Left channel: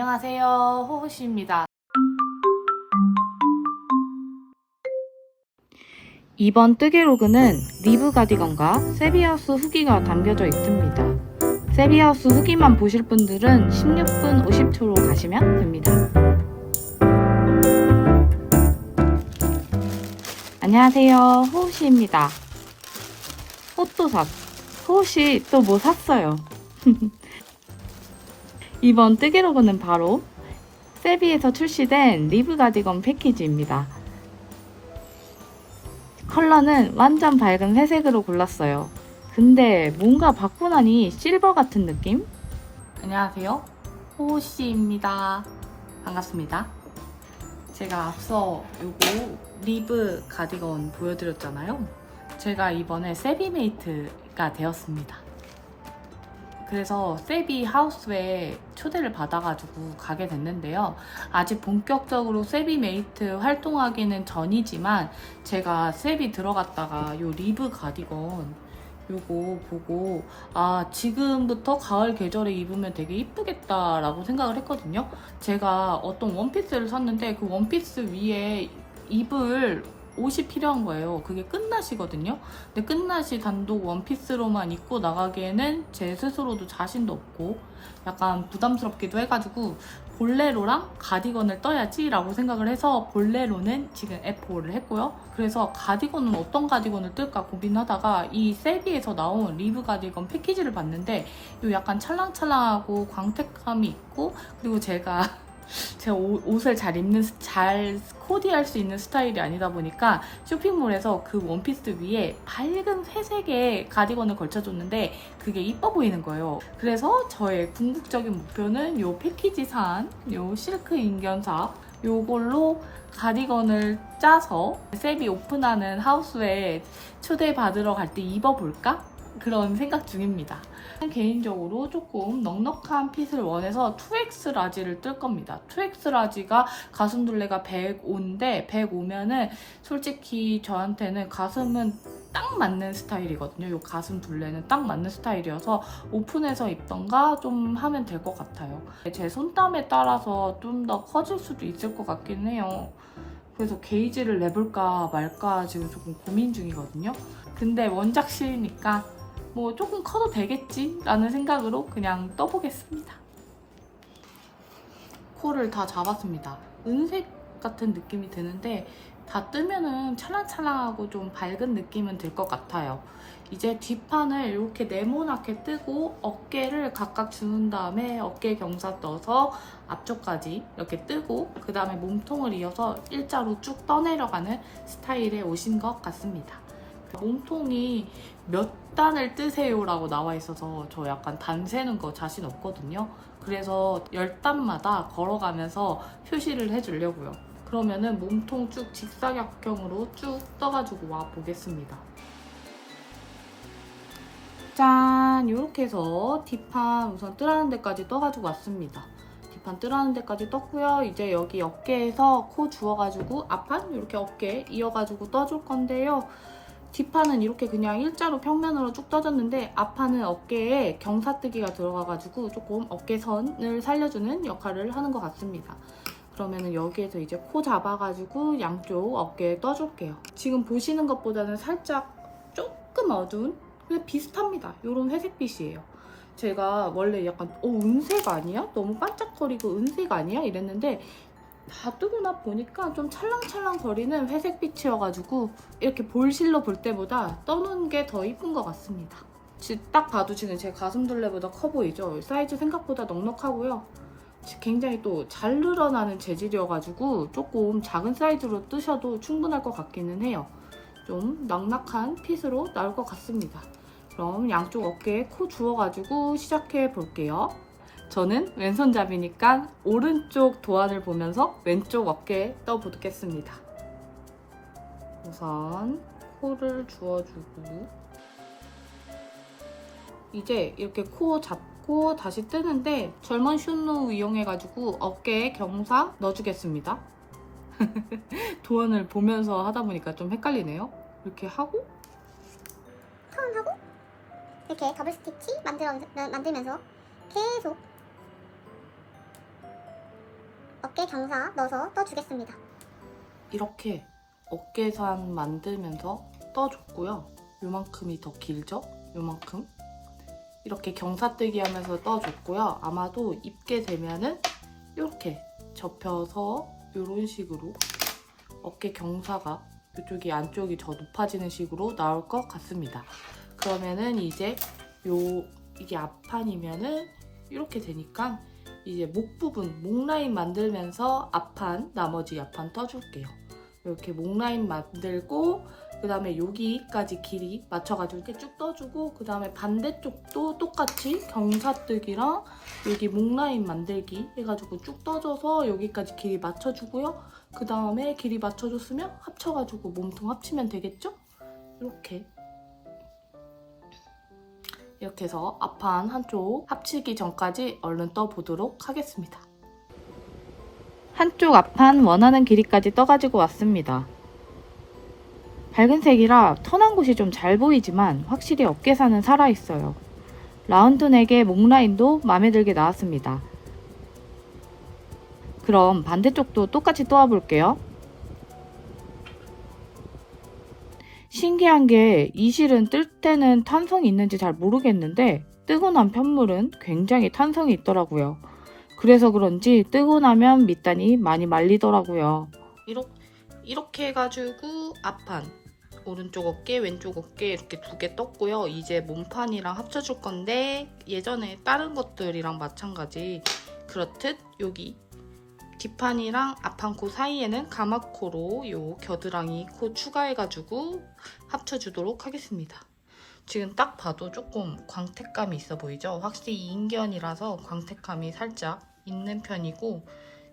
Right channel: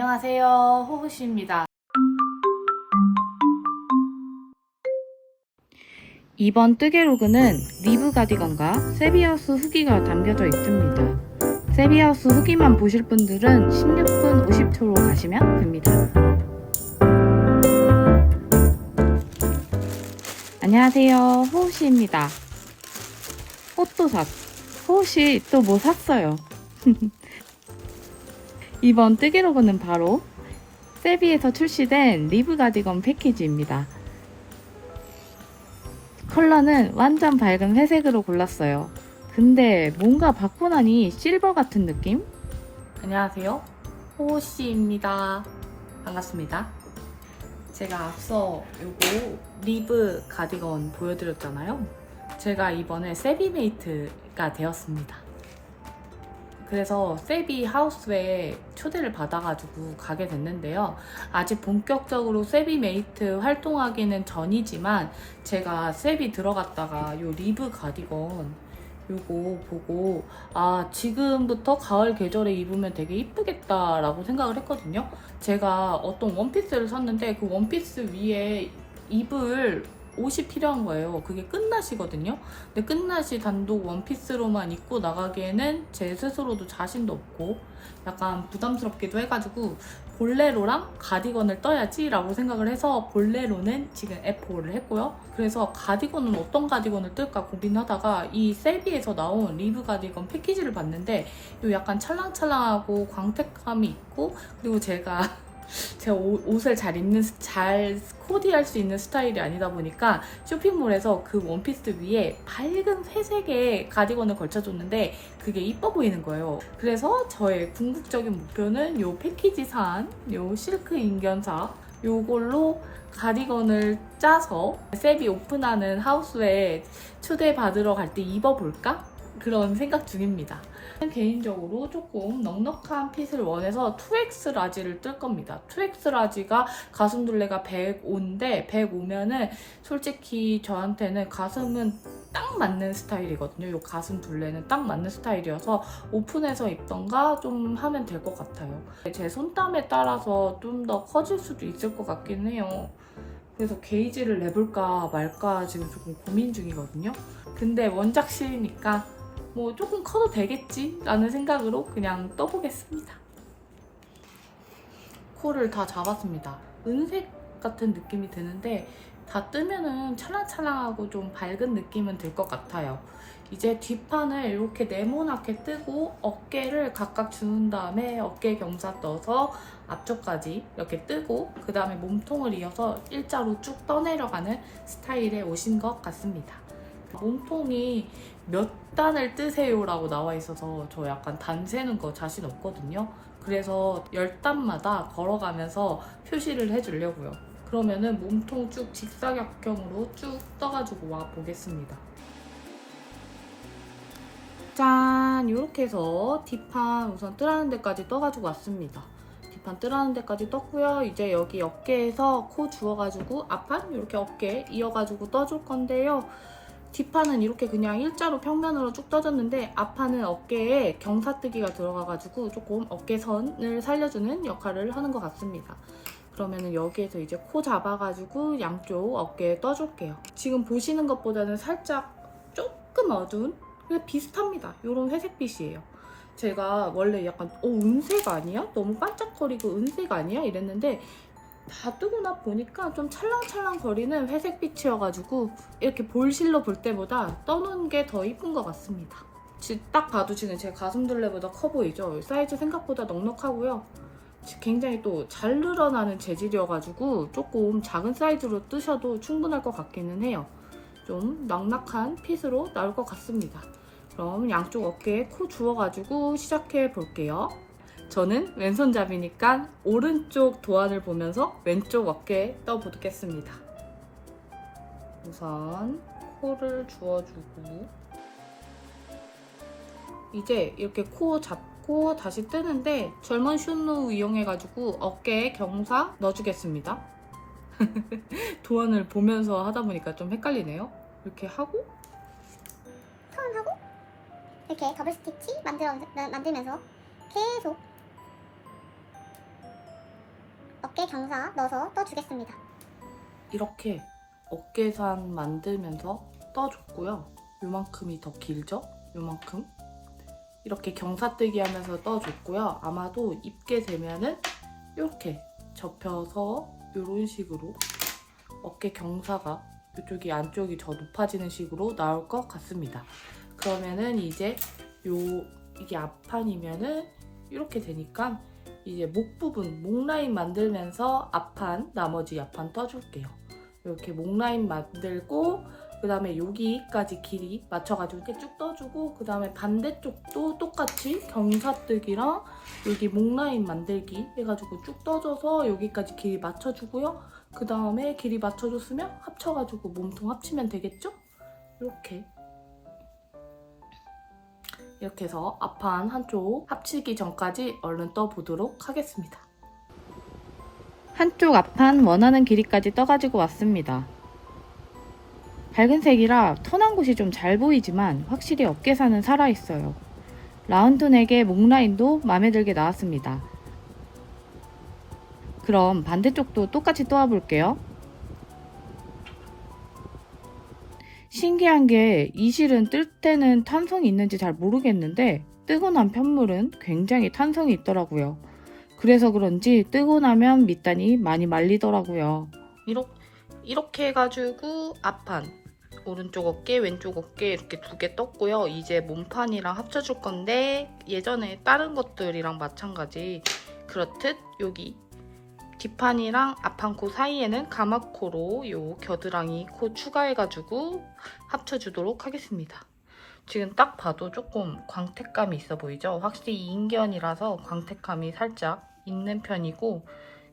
안녕하세요, 호호씨입니다. 이번 뜨개로그는 리브 가디건과 세비하우스 후기가 담겨져 있습니다. 세비하우스 후기만 보실 분들은 16분 50초로 가시면 됩니다. 안녕하세요, 호호씨입니다. 옷도 호호씨 또 뭐 샀어요? 이번 뜨개로그는 바로 세비에서 출시된 리브 가디건 패키지입니다. 컬러는 완전 밝은 회색으로 골랐어요. 근데 뭔가 받고 나니 실버 같은 느낌? 안녕하세요, 호호씨입니다. 반갑습니다. 제가 앞서 요거 리브 가디건 보여드렸잖아요. 제가 이번에 세비메이트가 되었습니다. 그래서 세비 하우스에 초대를 받아가지고 가게 됐는데요. 아직 본격적으로 세비메이트 활동하기는 전이지만 제가 세비 들어갔다가 요 리브 가디건 요거 보고 지금부터 가을 계절에 입으면 되게 이쁘겠다 라고 생각을 했거든요. 제가 어떤 원피스를 샀는데 그 원피스 위에 입을 옷이 필요한 거예요. 그게 끝나시거든요. 근데 끝나시 단독 원피스로만 입고 나가기에는 제 스스로도 자신도 없고 약간 부담스럽기도 해가지고 볼레로랑 가디건을 떠야지 라고 생각을 해서 볼레로는 지금 F5를 했고요. 그래서 가디건은 어떤 가디건을 뜰까 고민하다가 이 세비에서 나온 리브 가디건 패키지를 봤는데 이 약간 찰랑찰랑하고 광택감이 있고 그리고 제가 옷을 잘 코디할 수 있는 스타일이 아니다 보니까 쇼핑몰에서 그 원피스 위에 밝은 회색의 가디건을 걸쳐줬는데 그게 이뻐 보이는 거예요. 그래서 저의 궁극적인 목표는 이 패키지 산 이 실크 인견사 요걸로 가디건을 짜서 세비 오픈하는 하우스에 초대받으러 갈 때 입어볼까? 그런 생각 중입니다. 개인적으로 조금 넉넉한 핏을 원해서 2X 라지를 뜰 겁니다. 2X 라지가 가슴 둘레가 105인데 105면은 솔직히 저한테는 가슴은 딱 맞는 스타일이거든요. 이 가슴 둘레는 딱 맞는 스타일이어서 오픈해서 입던가 좀 하면 될 것 같아요. 제 손땀에 따라서 좀 더 커질 수도 있을 것 같긴 해요. 그래서 게이지를 내볼까 말까 지금 조금 고민 중이거든요. 근데 원작실이니까 뭐 조금 커도 되겠지 라는 생각으로 그냥 떠보겠습니다. 코를 다 잡았습니다. 은색 같은 느낌이 드는데 다 뜨면은 찰랑찰랑하고 좀 밝은 느낌은 들 것 같아요. 이제 뒷판을 이렇게 네모나게 뜨고 어깨를 각각 주는 다음에 어깨 경사 떠서 앞쪽까지 이렇게 뜨고 그 다음에 몸통을 이어서 일자로 쭉 떠내려가는 스타일의 옷인 것 같습니다. 몸통이 몇 단을 뜨세요 라고 나와 있어서 저 약간 단 세는 거 자신 없거든요. 그래서 10단마다 걸어가면서 표시를 해주려고요. 그러면은 몸통 쭉 직사각형으로 쭉 떠가지고 와 보겠습니다. 짠! 이렇게 해서 뒷판 우선 뜨라는 데까지 떠가지고 왔습니다. 뒷판 뜨라는 데까지 떴고요. 이제 여기 어깨에서 코 주워가지고 앞판 이렇게 어깨 이어가지고 떠줄 건데요. 뒷판은 이렇게 그냥 일자로 평면으로 쭉 떠졌는데 앞판은 어깨에 경사뜨기가 들어가가지고 조금 어깨선을 살려주는 역할을 하는 것 같습니다. 그러면은 여기에서 이제 코 잡아가지고 양쪽 어깨에 떠줄게요. 지금 보시는 것보다는 살짝 조금 어두운 근데 비슷합니다. 이런 회색빛이에요. 제가 원래 약간 은색 아니야? 너무 반짝거리고 은색 아니야? 이랬는데 다 뜨고 나 보니까 좀 찰랑찰랑 거리는 회색빛이어가지고 이렇게 볼실로 볼 때보다 떠는 게 더 이쁜 것 같습니다. 딱 봐도 지금 제 가슴 둘레보다 커 보이죠? 사이즈 생각보다 넉넉하고요. 굉장히 또 잘 늘어나는 재질이어가지고 조금 작은 사이즈로 뜨셔도 충분할 것 같기는 해요. 좀 넉넉한 핏으로 나올 것 같습니다. 그럼 양쪽 어깨에 코 주워가지고 시작해 볼게요. 저는 왼손잡이니까 오른쪽 도안을 보면서 왼쪽 어깨에 떠보겠습니다. 우선 코를 주워주고 이제 이렇게 코 잡고 다시 뜨는데 절먼 숏노 이용해가지고 어깨에 경사 넣어주겠습니다. 도안을 보면서 하다 보니까 좀 헷갈리네요. 이렇게 하고 턴하고 이렇게 더블 스티치 만들면서 계속 어깨 경사 넣어서 떠주겠습니다. 이렇게 어깨산 만들면서 떠줬고요. 요만큼이 더 길죠? 요만큼. 이렇게 경사뜨기 하면서 떠줬고요. 아마도 입게 되면은 이렇게 접혀서 이런 식으로 어깨 경사가 이쪽이 안쪽이 더 높아지는 식으로 나올 것 같습니다. 그러면은 이제 이게 앞판이면은 이렇게 되니까 이제 목 부분, 목 라인 만들면서 앞판, 나머지 앞판 떠줄게요. 이렇게 목 라인 만들고 그 다음에 여기까지 길이 맞춰가지고 이렇게 쭉 떠주고 그 다음에 반대쪽도 똑같이 경사뜨기랑 여기 목 라인 만들기 해가지고 쭉 떠줘서 여기까지 길이 맞춰주고요. 그 다음에 길이 맞춰줬으면 합쳐가지고 몸통 합치면 되겠죠? 이렇게 해서 앞판 한쪽 합치기 전까지 얼른 떠보도록 하겠습니다. 한쪽 앞판 원하는 길이까지 떠가지고 왔습니다. 밝은 색이라 턴한 곳이 좀 잘 보이지만 확실히 어깨살은 살아있어요. 라운드 넥의 목 라인도 마음에 들게 나왔습니다. 그럼 반대쪽도 똑같이 떠와볼게요. 신기한 게 이 실은 뜰 때는 탄성이 있는지 잘 모르겠는데 뜨고 난 편물은 굉장히 탄성이 있더라고요. 그래서 그런지 뜨고 나면 밑단이 많이 말리더라고요. 이렇게 해가지고 앞판, 오른쪽 어깨, 왼쪽 어깨 이렇게 두 개 떴고요. 이제 몸판이랑 합쳐줄 건데 예전에 다른 것들이랑 마찬가지 그렇듯 여기 뒷판이랑 앞판 코 사이에는 가마코로 요 겨드랑이 코 추가해가지고 합쳐주도록 하겠습니다. 지금 딱 봐도 조금 광택감이 있어 보이죠? 확실히 인견이라서 광택감이 살짝 있는 편이고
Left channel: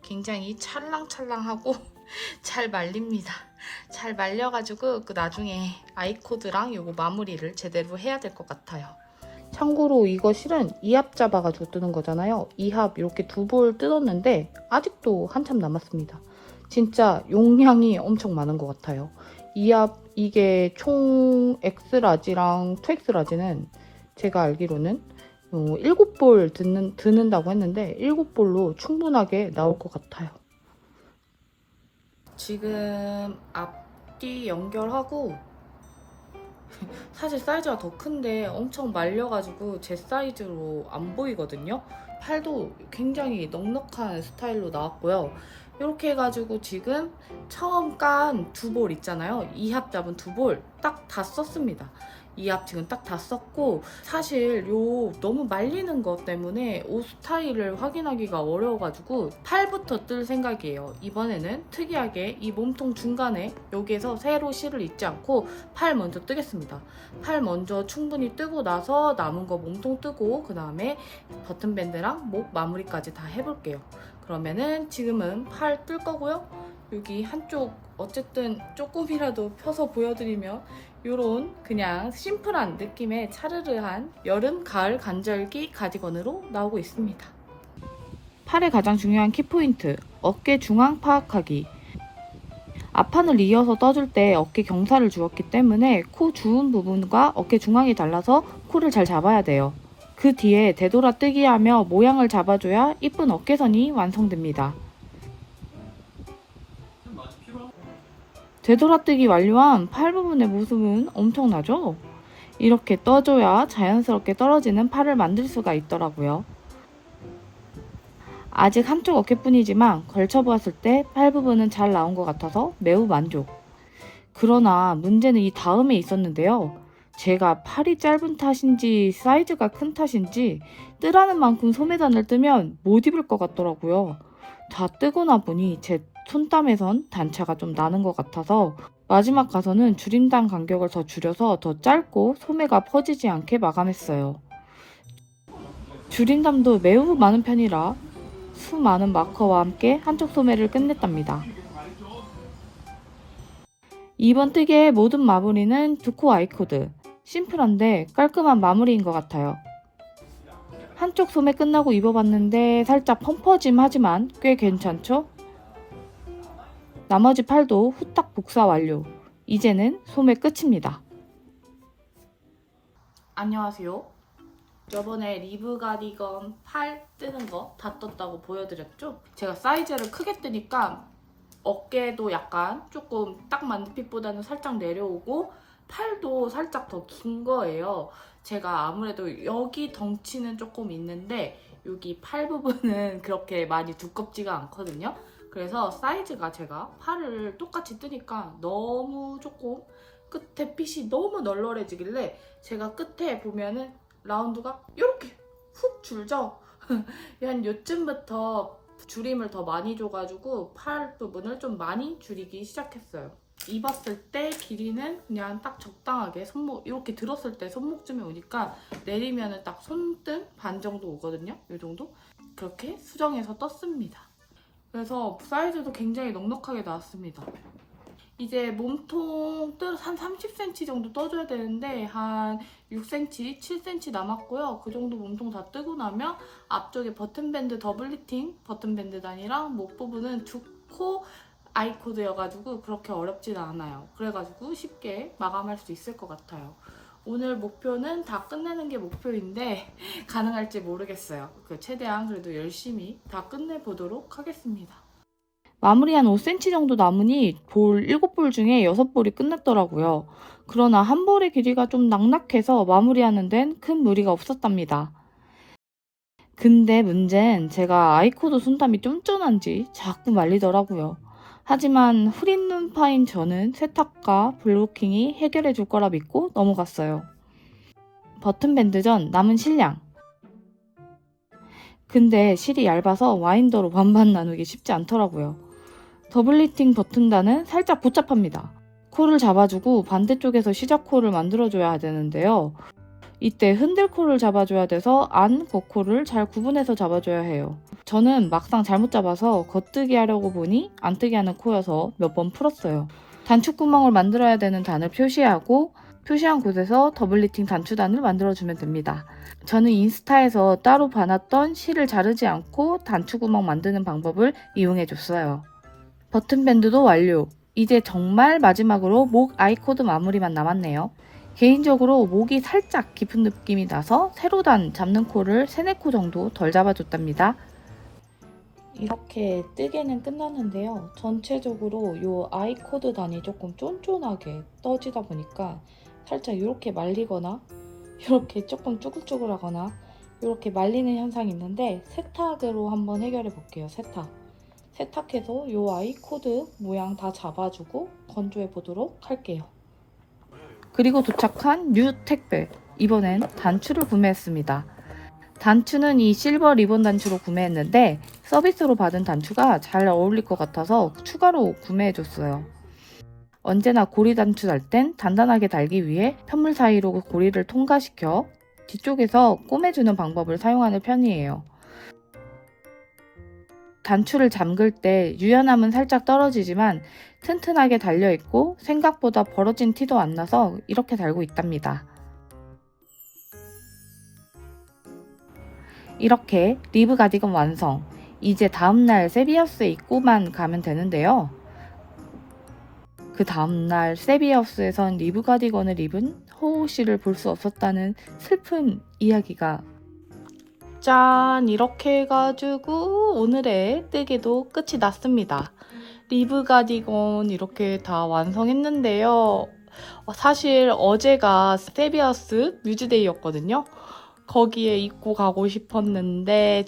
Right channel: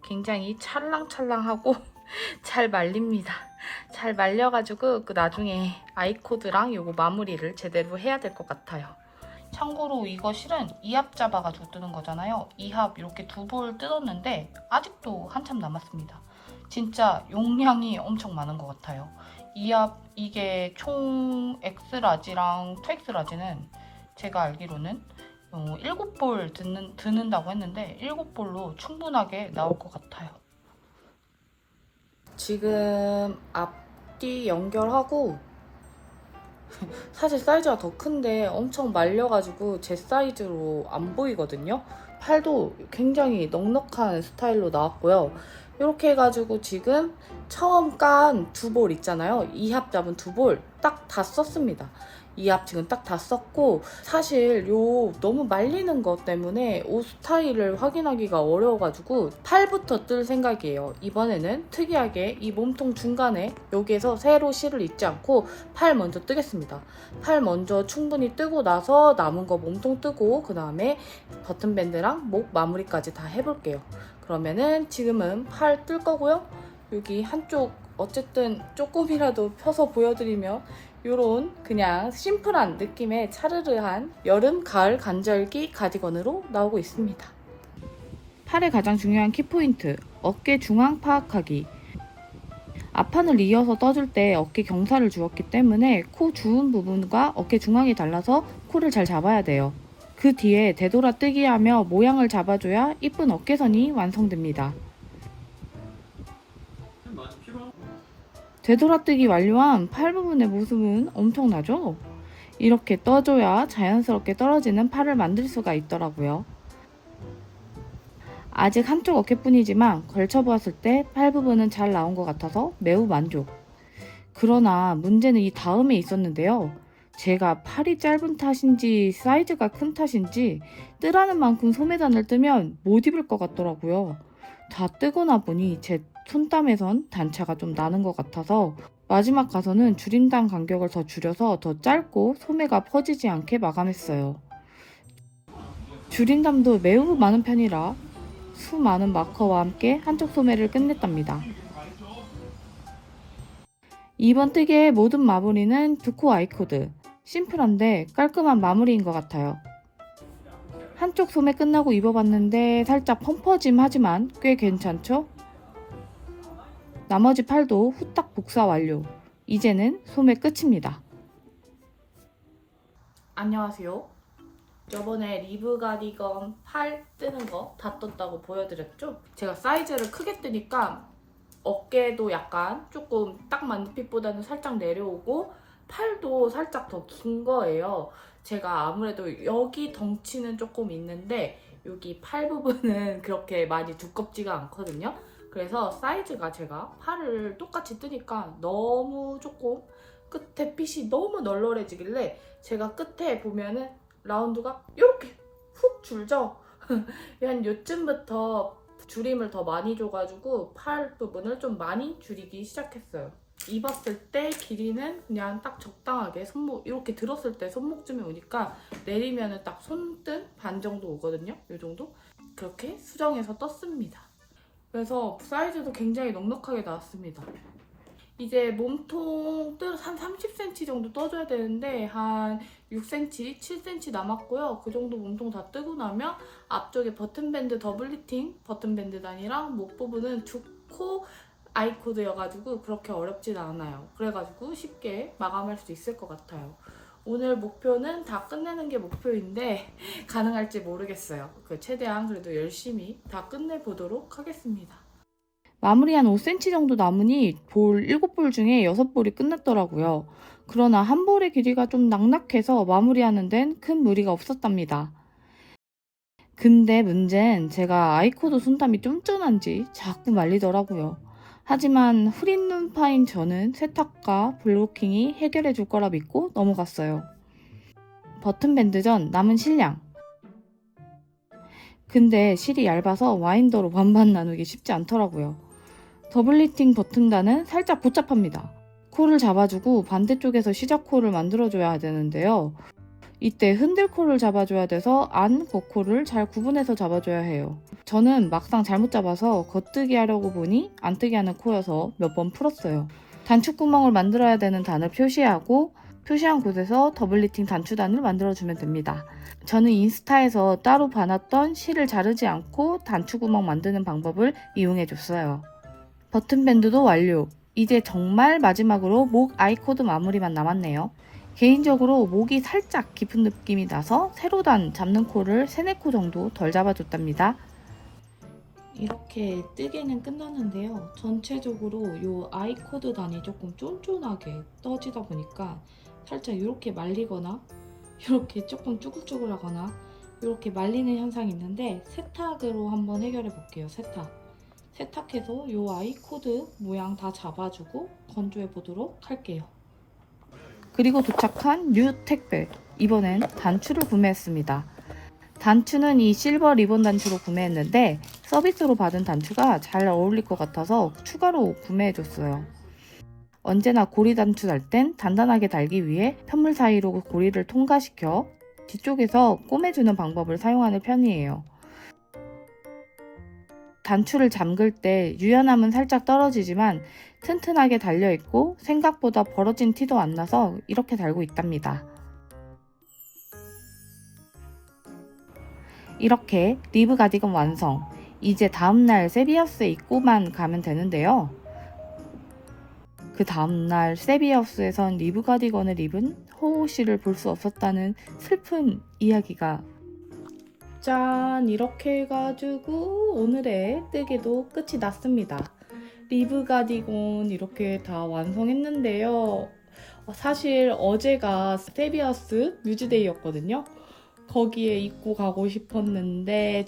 굉장히 찰랑찰랑하고 잘 말립니다. 잘 말려가지고 그 나중에 아이코드랑 요거 마무리를 제대로 해야 될 것 같아요. 참고로 이거 실은 2합 잡아가지고 뜨는 거잖아요. 2합 이렇게 두 볼 뜯었는데 아직도 한참 남았습니다. 진짜 용량이 엄청 많은 것 같아요. 2합 이게 총 X라지랑 2X라지는 제가 알기로는 7볼 드는다고 했는데 7볼로 충분하게 나올 것 같아요. 지금 앞뒤 연결하고 사실 사이즈가 더 큰데 엄청 말려가지고 제 사이즈로 안 보이거든요. 팔도 굉장히 넉넉한 스타일로 나왔고요. 이렇게 해가지고 지금 처음 깐 두 볼 있잖아요. 2합 잡은 두 볼 딱 다 썼습니다. 2합 지금 딱 다 썼고 사실 요 너무 말리는 것 때문에 옷 스타일을 확인하기가 어려워가지고 팔부터 뜰 생각이에요. 이번에는 특이하게 이 몸통 중간에 여기에서 세로 실을 잊지 않고 팔 먼저 뜨겠습니다. 팔 먼저 충분히 뜨고 나서 남은 거 몸통 뜨고 그 다음에 버튼밴드랑 목 마무리까지 다 해볼게요. 그러면은 지금은 팔 뜰 거고요. 여기 한쪽 어쨌든 조금이라도 펴서 보여드리면 요런 그냥 심플한 느낌의 차르르한 여름 가을 간절기 가디건으로 나오고 있습니다. 팔의 가장 중요한 키포인트, 어깨 중앙 파악하기. 앞판을 이어서 떠줄 때 어깨 경사를 주었기 때문에 코 주운 부분과 어깨 중앙이 달라서 코를 잘 잡아야 돼요. 그 뒤에 되돌아 뜨기 하며 모양을 잡아줘야 이쁜 어깨선이 완성됩니다. 되돌아뜨기 완료한 팔 부분의 모습은 엄청나죠? 이렇게 떠줘야 자연스럽게 떨어지는 팔을 만들 수가 있더라고요. 아직 한쪽 어깨뿐이지만 걸쳐보았을 때 팔 부분은 잘 나온 것 같아서 매우 만족. 그러나 문제는 이 다음에 있었는데요. 제가 팔이 짧은 탓인지 사이즈가 큰 탓인지 뜨라는 만큼 소매단을 뜨면 못 입을 것 같더라고요. 다 뜨고 나 보니 제 손땀에선 단차가 좀 나는 것 같아서 마지막 가서는 줄임단 간격을 더 줄여서 더 짧고 소매가 퍼지지 않게 마감했어요. 줄임담도 매우 많은 편이라 수많은 마커와 함께 한쪽 소매를 끝냈답니다. 이번 뜨개의 모든 마무리는 두코 아이코드. 심플한데 깔끔한 마무리인 것 같아요. 한쪽 소매 끝나고 입어봤는데 살짝 펑퍼짐하지만 꽤 괜찮죠? 나머지 팔도 후딱 복사 완료. 이제는 소매 끝입니다. 안녕하세요. 저번에 리브 가디건 팔 뜨는 거 다 떴다고 보여드렸죠? 제가 사이즈를 크게 뜨니까 어깨도 약간 조금 딱 맞는 핏보다는 살짝 내려오고 팔도 살짝 더 긴 거예요. 제가 아무래도 여기 덩치는 조금 있는데 여기 팔 부분은 그렇게 많이 두껍지가 않거든요. 그래서 사이즈가 제가 팔을 똑같이 뜨니까 너무 조금 끝에 핏이 너무 널널해지길래 제가 끝에 보면은 라운드가 이렇게 훅 줄죠? 한 요쯤부터 줄임을 더 많이 줘가지고 팔 부분을 좀 많이 줄이기 시작했어요. 입었을 때 길이는 그냥 딱 적당하게 손목 이렇게 들었을 때 손목쯤에 오니까 내리면은 딱 손등 반 정도 오거든요. 이 정도? 그렇게 수정해서 떴습니다. 그래서 사이즈도 굉장히 넉넉하게 나왔습니다. 이제 몸통 한 30cm 정도 떠줘야 되는데 한 6cm, 7cm 남았고요. 그 정도 몸통 다 뜨고 나면 앞쪽에 버튼밴드 더블 리팅 버튼밴드 단이랑 목 부분은 두 코 아이코드여가지고 그렇게 어렵진 않아요. 그래가지고 쉽게 마감할 수 있을 것 같아요. 오늘 목표는 다 끝내는 게 목표인데 가능할지 모르겠어요. 최대한 그래도 열심히 다 끝내보도록 하겠습니다. 마무리 한 5cm 정도 남으니 볼 7볼 중에 6볼이 끝났더라고요. 그러나 한 볼의 길이가 좀 낙낙해서 마무리하는 데는 큰 무리가 없었답니다. 근데 문제는 제가 아이코드 손땀이 쫀쫀한지 자꾸 말리더라고요. 하지만 흐린 눈파인 저는 세탁과 블로킹이 해결해 줄 거라 믿고 넘어갔어요. 버튼밴드 전 남은 실량. 근데 실이 얇아서 와인더로 반반 나누기 쉽지 않더라고요. 더블 리팅 버튼단은 살짝 복잡합니다. 코를 잡아주고 반대쪽에서 시작코를 만들어줘야 되는데요. 이때 흔들코를 잡아줘야 돼서 안, 겉코를 잘 구분해서 잡아줘야 해요. 저는 막상 잘못 잡아서 겉뜨기 하려고 보니 안 뜨게 하는 코여서 몇 번 풀었어요. 단추구멍을 만들어야 되는 단을 표시하고 표시한 곳에서 더블 리팅 단추단을 만들어주면 됩니다. 저는 인스타에서 따로 봐놨던 실을 자르지 않고 단추구멍 만드는 방법을 이용해줬어요. 버튼밴드도 완료. 이제 정말 마지막으로 목 아이코드 마무리만 남았네요. 개인적으로 목이 살짝 깊은 느낌이 나서 세로 단 잡는 코를 3-4코 정도 덜 잡아줬답니다. 이렇게 뜨개는 끝났는데요. 전체적으로 이 아이코드 단이 조금 쫀쫀하게 떠지다 보니까 살짝 이렇게 말리거나 이렇게 조금 쭈글쭈글하거나 이렇게 말리는 현상이 있는데 세탁으로 한번 해결해 볼게요. 세탁해서 이 아이코드 모양 다 잡아주고 건조해 보도록 할게요. 그리고 도착한 뉴 택배. 이번엔 단추를 구매했습니다. 단추는 이 실버 리본 단추로 구매했는데 서비스로 받은 단추가 잘 어울릴 것 같아서 추가로 구매해줬어요. 언제나 고리 단추 달 땐 단단하게 달기 위해 편물 사이로 고리를 통과시켜 뒤쪽에서 꼬매주는 방법을 사용하는 편이에요. 단추를 잠글 때 유연함은 살짝 떨어지지만 튼튼하게 달려있고 생각보다 벌어진 티도 안 나서 이렇게 달고 있답니다. 이렇게 리브 가디건 완성! 이제 다음날 세비하우스에 입고만 가면 되는데요. 그 다음날 세비하우스에선 리브 가디건을 입은 호호 씨를 볼 수 없었다는 슬픈 이야기가 짠! 이렇게 해가지고 오늘의 뜨개도 끝이 났습니다. 리브 가디건 이렇게 다 완성했는데요. 사실 어제가 세비하우스 뮤즈데이였거든요. 거기에 입고 가고 싶었는데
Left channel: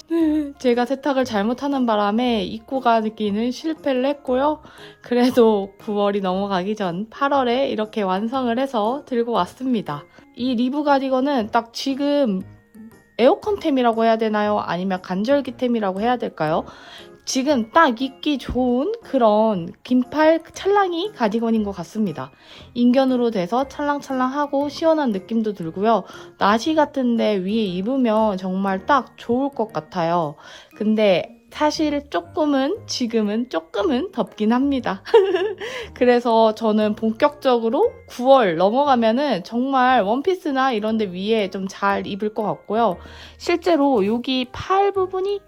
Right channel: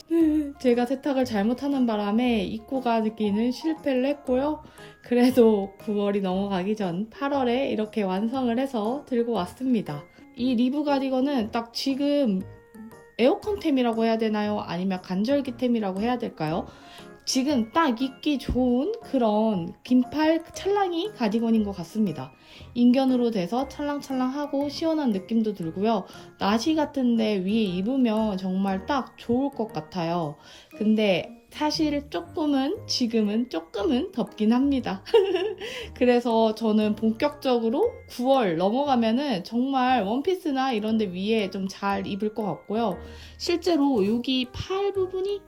제가 세탁을 잘못하는 바람에 입고 가기는 실패를 했고요. 그래도 9월이 넘어가기 전 8월에 이렇게 완성을 해서 들고 왔습니다. 이 리브 가디건은 딱 지금 에어컨템이라고 해야 되나요? 아니면 간절기템이라고 해야 될까요? 지금 딱 입기 좋은 그런 긴팔 찰랑이 가디건인 것 같습니다. 인견으로 돼서 찰랑찰랑하고 시원한 느낌도 들고요. 나시 같은데 위에 입으면 정말 딱 좋을 것 같아요. 근데 사실 지금은 조금은 덥긴 합니다. 그래서 저는 본격적으로 9월 넘어가면은 정말 원피스나 이런 데 위에 좀 잘 입을 것 같고요. 실제로 여기 팔 부분이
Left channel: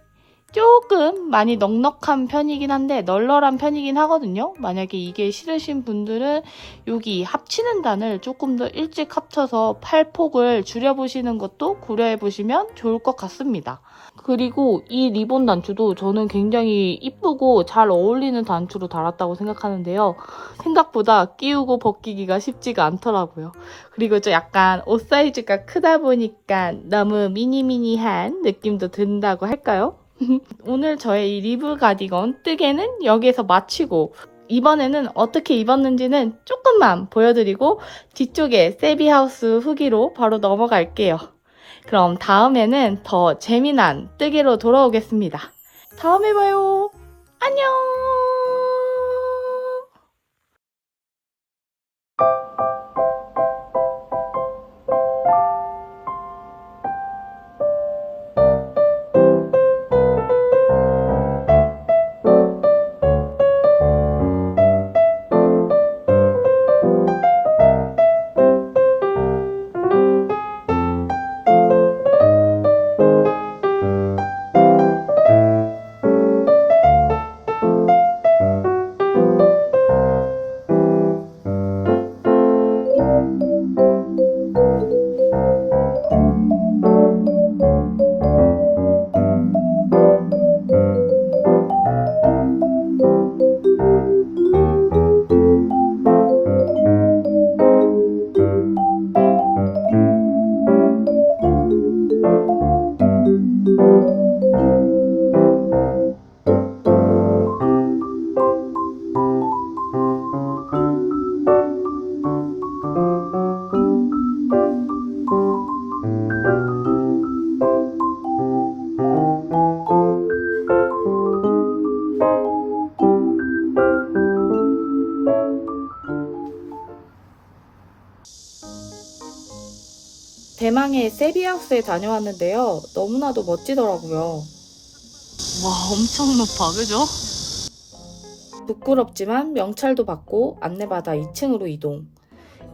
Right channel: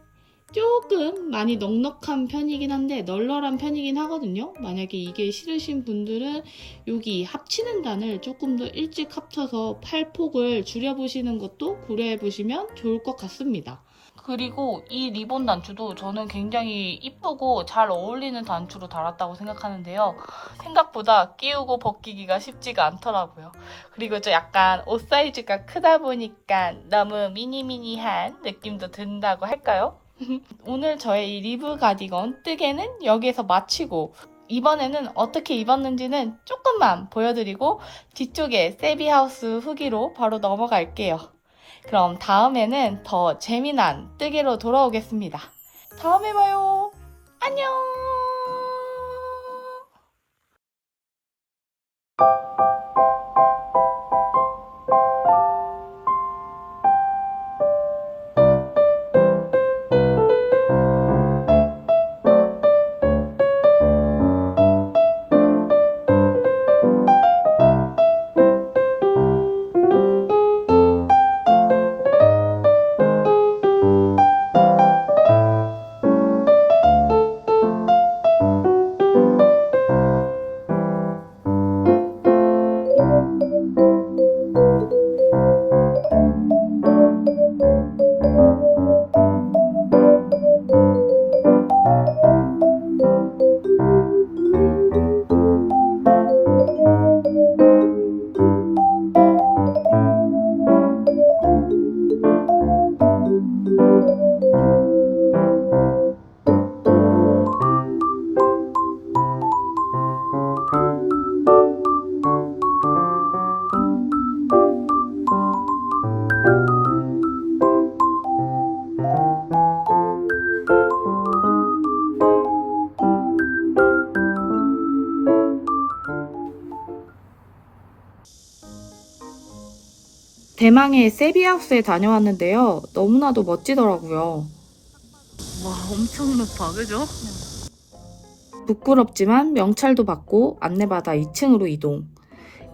조금 많이 넉넉한 편이긴 한데 널널한 편이긴 하거든요. 만약에 이게 싫으신 분들은 여기 합치는 단을 조금 더 일찍 합쳐서 팔폭을 줄여보시는 것도 고려해보시면 좋을 것 같습니다. 그리고 이 리본 단추도 저는 굉장히 이쁘고 잘 어울리는 단추로 달았다고 생각하는데요. 생각보다 끼우고 벗기기가 쉽지가 않더라고요. 그리고 좀 약간 옷 사이즈가 크다 보니까 너무 미니미니한 느낌도 든다고 할까요? 오늘 저의 이 리브 가디건 뜨개는 여기에서 마치고 이번에는 어떻게 입었는지는 조금만 보여드리고 뒤쪽에 세비하우스 후기로 바로 넘어갈게요. 그럼 다음에는 더 재미난 뜨개로 돌아오겠습니다. 다음에 봐요. 안녕! 대망의 세비하우스에 다녀왔는데요. 너무나도 멋지더라고요. 와, 엄청 높아, 그죠? 부끄럽지만 명찰도 받고 안내받아 2층으로 이동.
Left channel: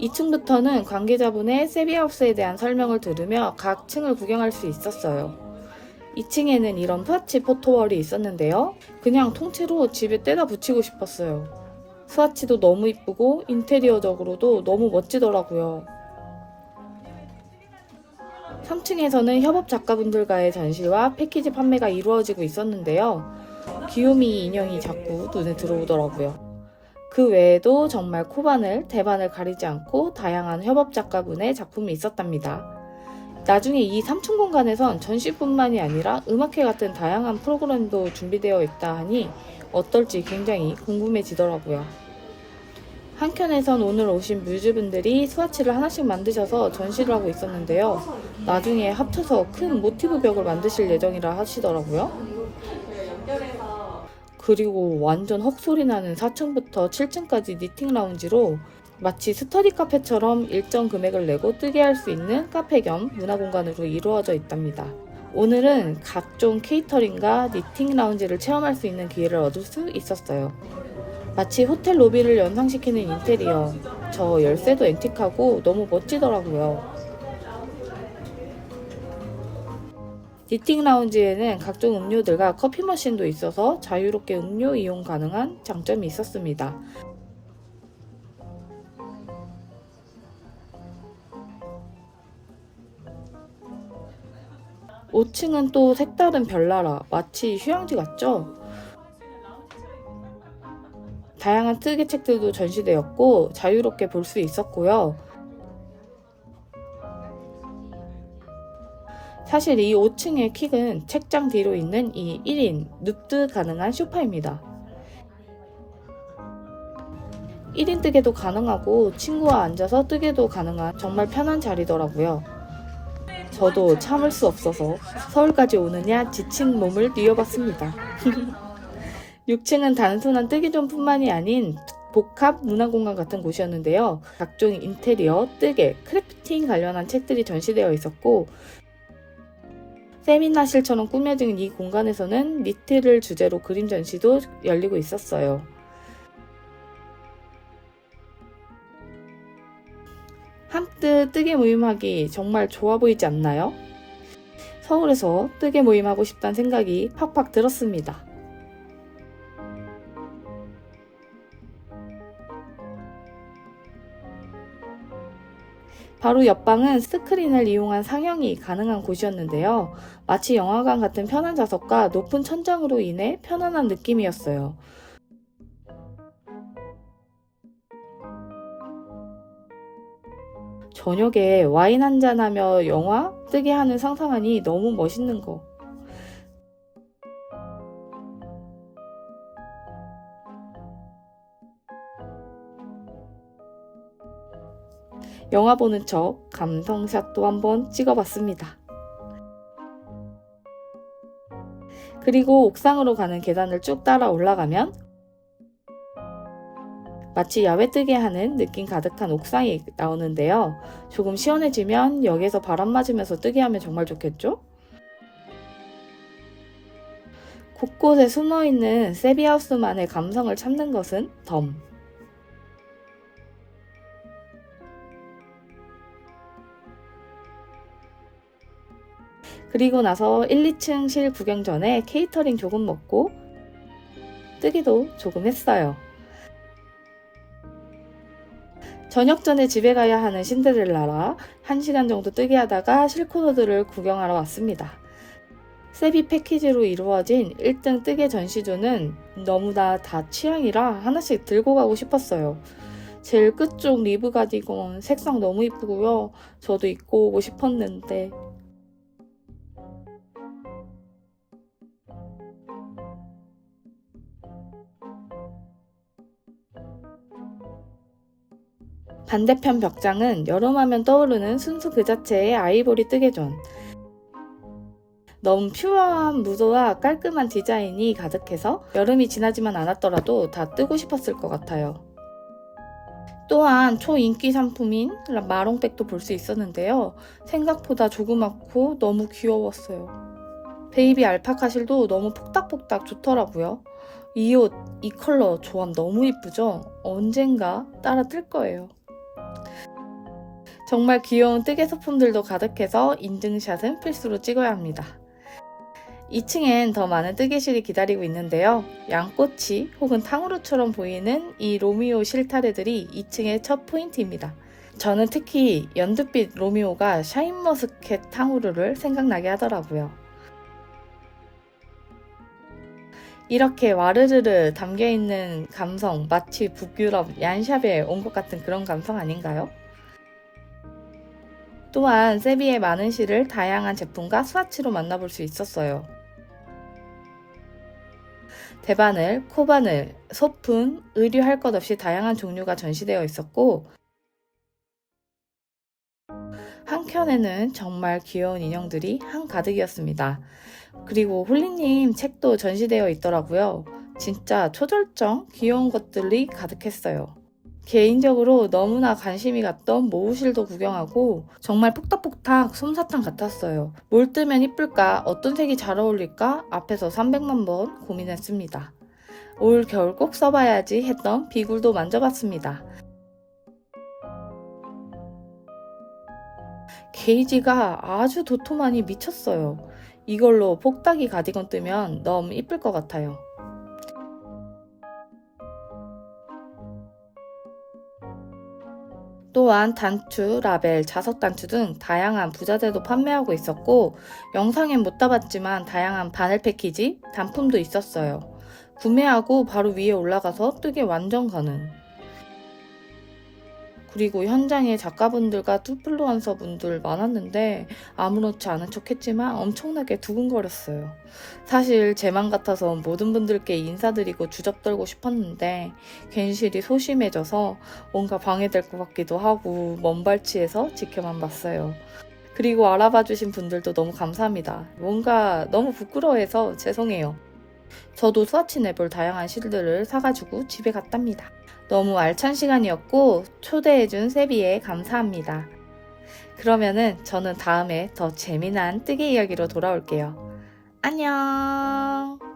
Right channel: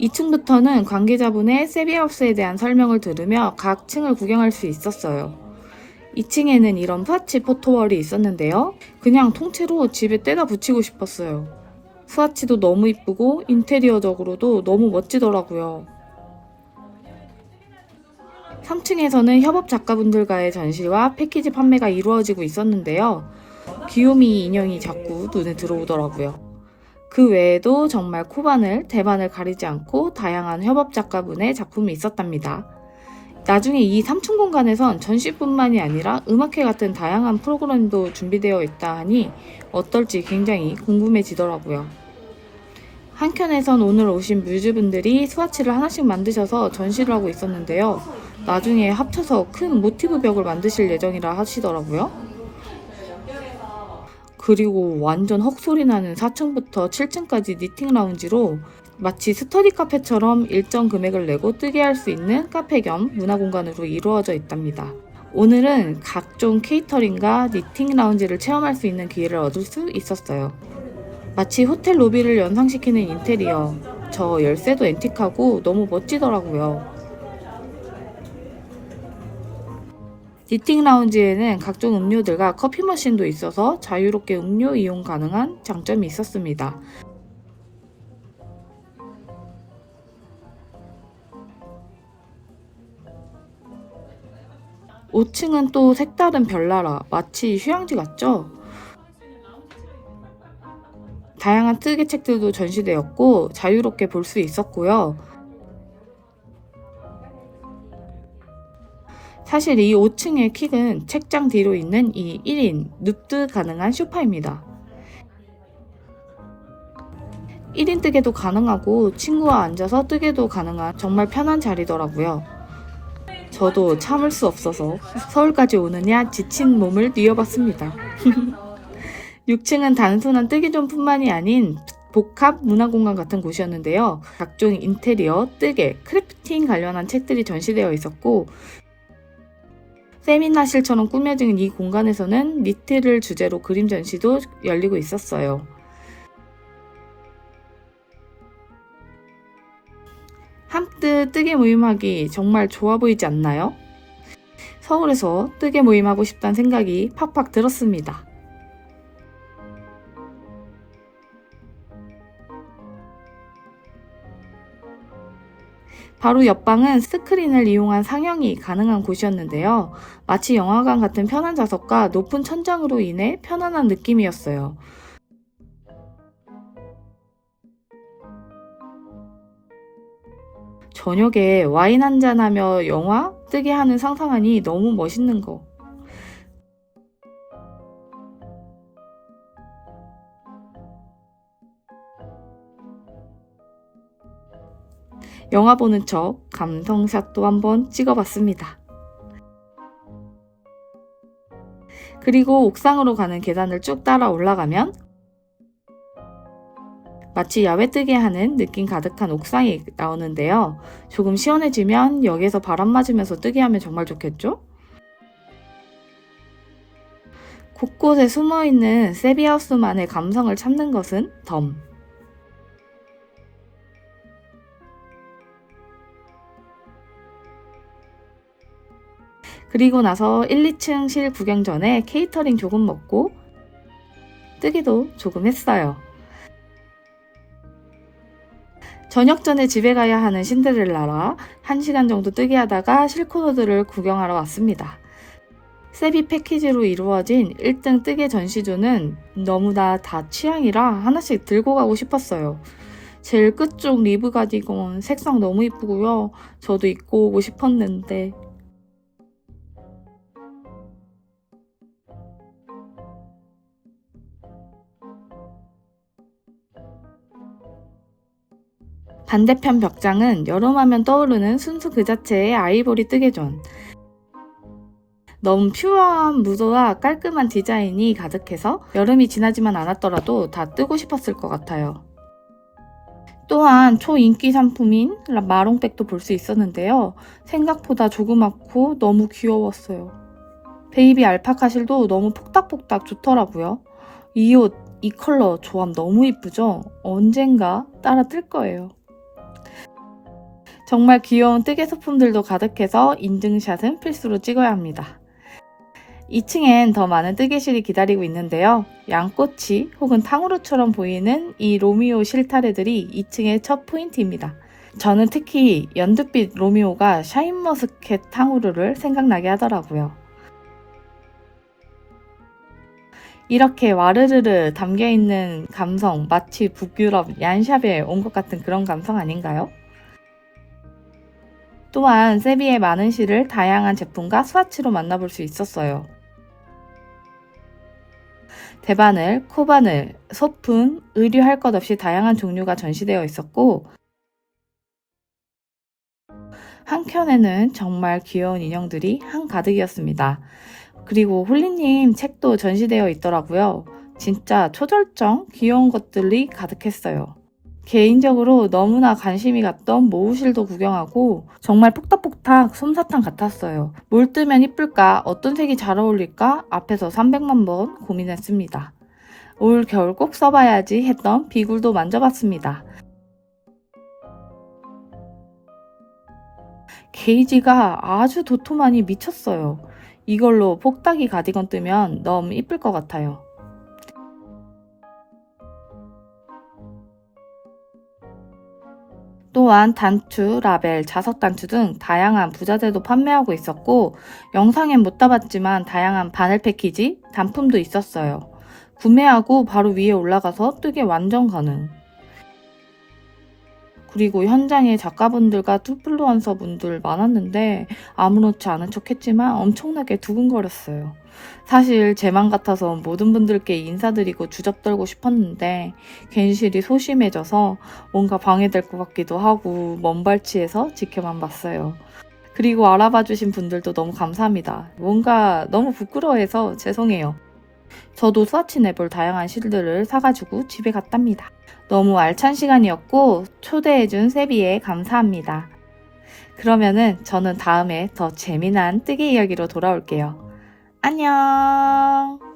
2층부터는 관계자분의 세비하우스에 대한 설명을 들으며 각 층을 구경할 수 있었어요. 2층에는 이런 파치 포토월이 있었는데요. 그냥 통째로 집에 떼다 붙이고 싶었어요. 스와치도 너무 이쁘고 인테리어적으로도 너무 멋지더라고요. 3층에서는 협업 작가분들과의 전시와 패키지 판매가 이루어지고 있었는데요. 귀요미 인형이 자꾸 눈에 들어오더라고요. 그 외에도 정말 코바늘, 대바늘 가리지 않고 다양한 협업 작가분의 작품이 있었답니다. 나중에 이 3층 공간에선 전시뿐만이 아니라 음악회 같은 다양한 프로그램도 준비되어 있다 하니 어떨지 굉장히 궁금해지더라고요. 한켠에선 오늘 오신 뮤즈분들이 스와치를 하나씩 만드셔서 전시를 하고 있었는데요. 나중에 합쳐서 큰 모티브 벽을 만드실 예정이라 하시더라고요. 그리고 완전 헉소리 나는 4층부터 7층까지 니팅 라운지로 마치 스터디 카페처럼 일정 금액을 내고 뜨게 할 수 있는 카페 겸 문화 공간으로 이루어져 있답니다. 오늘은 각종 케이터링과 니팅 라운지를 체험할 수 있는 기회를 얻을 수 있었어요. 마치 호텔 로비를 연상시키는 인테리어, 저 열쇠도 앤틱하고 너무 멋지더라고요. 니팅 라운지에는 각종 음료들과 커피 머신도 있어서 자유롭게 음료 이용 가능한 장점이 있었습니다. (5층은) 또 색다른 별나라, 마치 휴양지 같죠? 다양한 뜨개 책들도 전시되었고 자유롭게 볼 수 있었고요. 사실 이 5층의 킥은 책장 뒤로 있는 이 1인 눕드 가능한 소파입니다. 1인 뜨개도 가능하고 친구와 앉아서 뜨개도 가능한 정말 편한 자리더라고요. 저도 참을 수 없어서 서울까지 오느냐 지친 몸을 뛰어봤습니다. 6층은 단순한 뜨개존뿐만이 아닌 복합 문화공간 같은 곳이었는데요. 각종 인테리어, 뜨개, 크래프팅 관련한 책들이 전시되어 있었고 세미나실처럼 꾸며진 이 공간에서는 니트를 주제로 그림 전시도 열리고 있었어요. 한뜻 뜨개 모임하기 정말 좋아 보이지 않나요? 서울에서 뜨개 모임하고 싶다는 생각이 팍팍 들었습니다. 바로 옆방은 스크린을 이용한 상영이 가능한 곳이었는데요. 마치 영화관 같은 편한 좌석과 높은 천장으로 인해 편안한 느낌이었어요. 저녁에 와인 한잔하며 영화 뜨게 하는 상상하니 너무 멋있는 거. 영화 보는 척 감성샷도 한번 찍어봤습니다. 그리고 옥상으로 가는 계단을 쭉 따라 올라가면 마치 야외 뜨게 하는 느낌 가득한 옥상이 나오는데요. 조금 시원해지면 여기서 바람 맞으면서 뜨게 하면 정말 좋겠죠? 곳곳에 숨어있는 세비하우스만의 감성을 찾는 것은 덤. 그리고 나서 1, 2층실 구경 전에 케이터링 조금 먹고 뜨기도 조금 했어요. 저녁 전에 집에 가야 하는 신데렐라라 1시간 정도 뜨게 하다가 실크로드를 구경하러 왔습니다. 세비 패키지로 이루어진 1등 뜨개 전시조는 너무나 다 취향이라 하나씩 들고 가고 싶었어요. 제일 끝쪽 리브 가디건 색상 너무 이쁘고요. 저도 입고 오고 싶었는데 반대편 벽장은 여름하면 떠오르는 순수 그 자체의 아이보리 뜨개존. 너무 퓨어한 무드와 깔끔한 디자인이 가득해서 여름이 지나지만 않았더라도 다 뜨고 싶었을 것 같아요. 또한 초인기 상품인 마롱백도 볼 수 있었는데요. 생각보다 조그맣고 너무 귀여웠어요. 베이비 알파카 실도 너무 폭닥폭닥 좋더라고요. 이 옷, 이 컬러 조합 너무 이쁘죠? 언젠가 따라 뜰 거예요. 정말 귀여운 뜨개 소품들도 가득해서 인증샷은 필수로 찍어야 합니다. 2층엔 더 많은 뜨개실이 기다리고 있는데요. 양꼬치 혹은 탕후루처럼 보이는 이 로미오 실타래들이 2층의 첫 포인트입니다. 저는 특히 연두빛 로미오가 샤인머스켓 탕후루를 생각나게 하더라고요. 이렇게 와르르르 담겨있는 감성, 마치 북유럽 얀샵에 온 것 같은 그런 감성 아닌가요? 또한 세비의 많은 실을 다양한 제품과 스와치로 만나볼 수 있었어요. 대바늘, 코바늘, 소품, 의류 할 것 없이 다양한 종류가 전시되어 있었고 한켠에는 정말 귀여운 인형들이 한가득이었습니다. 그리고 홀리님 책도 전시되어 있더라고요. 진짜 초절정 귀여운 것들이 가득했어요. 개인적으로 너무나 관심이 갔던 모우실도 구경하고 정말 폭닥폭닥 솜사탕 같았어요. 뭘 뜨면 이쁠까? 어떤 색이 잘 어울릴까? 앞에서 300만 번 고민했습니다. 올 겨울 꼭 써봐야지 했던 비굴도 만져봤습니다. 게이지가 아주 도톰하니 미쳤어요. 이걸로 폭닥이 가디건 뜨면 너무 이쁠 것 같아요. 또한 단추, 라벨, 자석 단추 등 다양한 부자재도 판매하고 있었고 영상엔 못 담았지만 다양한 바늘 패키지, 단품도 있었어요. 구매하고 바로 위에 올라가서 뜨개 완전 가능. 그리고 현장에 작가분들과 투플루언서 분들 많았는데 아무렇지 않은 척 했지만 엄청나게 두근거렸어요. 사실 제 맘 같아서 모든 분들께 인사드리고 주접떨고 싶었는데 괜시리 소심해져서 뭔가 방해될 것 같기도 하고 먼발치에서 지켜만 봤어요. 그리고 알아봐 주신 분들도 너무 감사합니다. 뭔가 너무 부끄러워해서 죄송해요. 저도 스와치 내볼 다양한 실들을 사가지고 집에 갔답니다. 너무 알찬 시간이었고 초대해준 세비에 감사합니다. 그러면은 저는 다음에 더 재미난 뜨개 이야기로 돌아올게요. 안녕.